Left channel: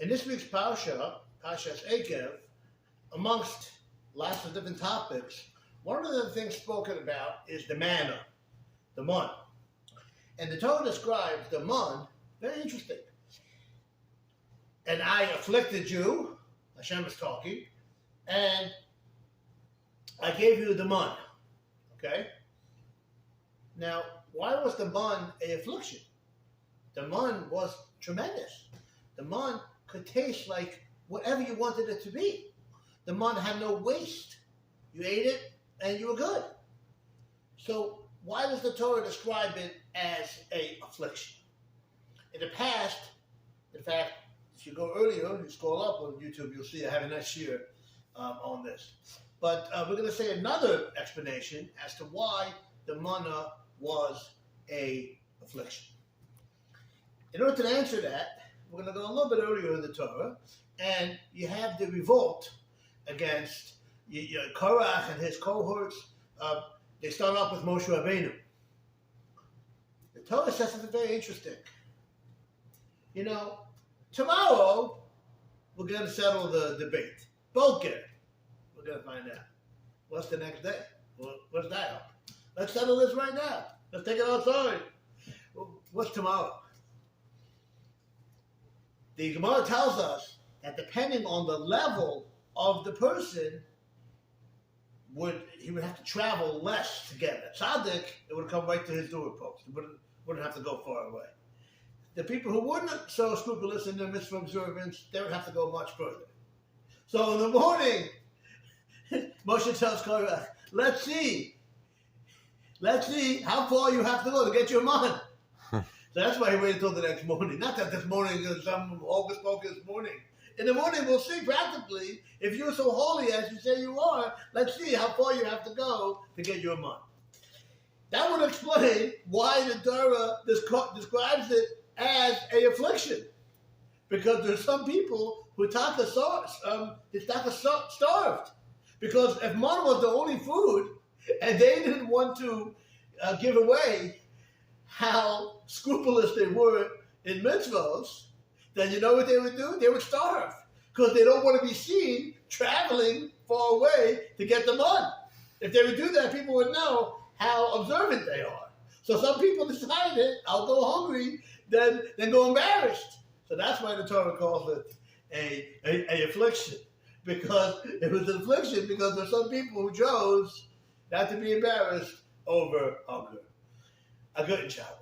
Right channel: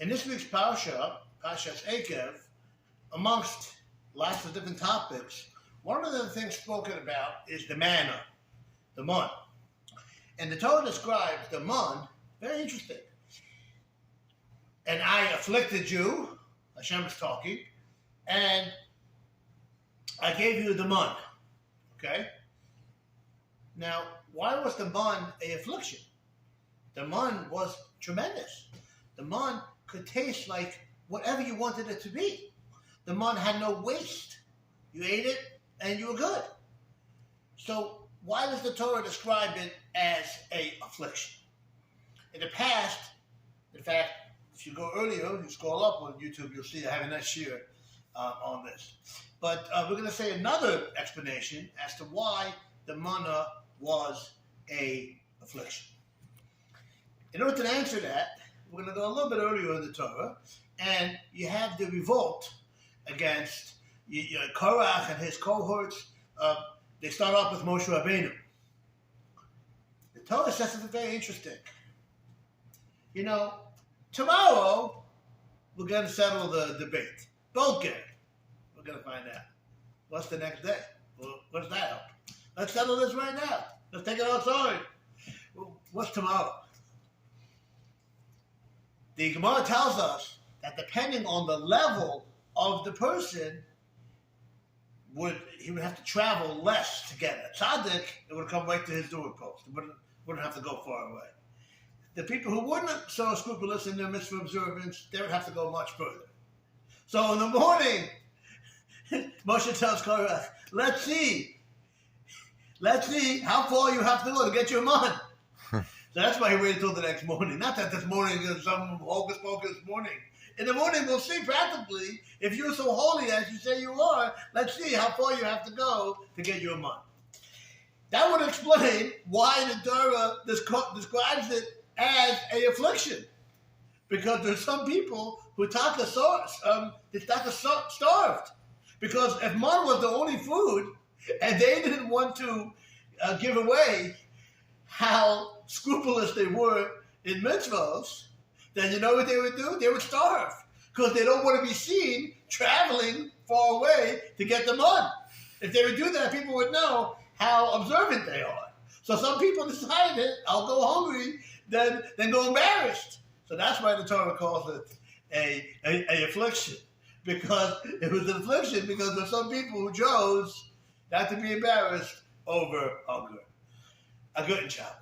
In this week's Parsha, Parshas Eikev, amongst lots of different topics, one of the things spoken about is the manna, the mun. And the Torah describes the mun, very interesting. And I afflicted you, Hashem is talking, and I gave you the mun. Okay? Now, why was the mun an affliction? The mun was tremendous. The mun could taste like whatever you wanted it to be. The mun had no waste. You ate it and you were good. So why does the Torah describe it as an affliction? In the past, in fact, if you go earlier, you scroll up on YouTube, you'll see I have a nice share on this. But we're going to say another explanation as to why the manna was an affliction. In order to answer that, we're going to go a little bit earlier in the Torah, and you have the revolt against Korach and his cohorts. They start off with Moshe Rabbeinu. The Torah says something very interesting. You know, tomorrow we're going to settle the debate. Boker, we're going to find out. What's the next day? Well, what does that help? Let's settle this right now. Let's take it outside. What's tomorrow? The Gemara tells us that depending on the level of the person, he would have to travel less to get it. Tzaddik, it would come right to his doorpost. It wouldn't have to go far away. The people who weren't so scrupulous in their mitzvah observance, they would have to go much further. So in the morning, Moshe tells Korach, let's see how far you have to go to get your man. So that's why he waited until the next morning. Not that this morning is some hocus pocus morning. In the morning, we'll see practically, if you're so holy as you say you are, let's see how far you have to go to get your man. That would explain why the Torah describes it as an affliction. Because there's some people who starved. Because if man was the only food, and they didn't want to give away how scrupulous they were in mitzvahs, then you know what they would do? They would starve. Because they don't want to be seen traveling far away to get the mud. If they would do that, people would know how observant they are. So some people decided, I'll go hungry than go embarrassed. So that's why the Torah calls it a affliction. Because it was an affliction because there's some people who chose not to be embarrassed over hunger. A good job.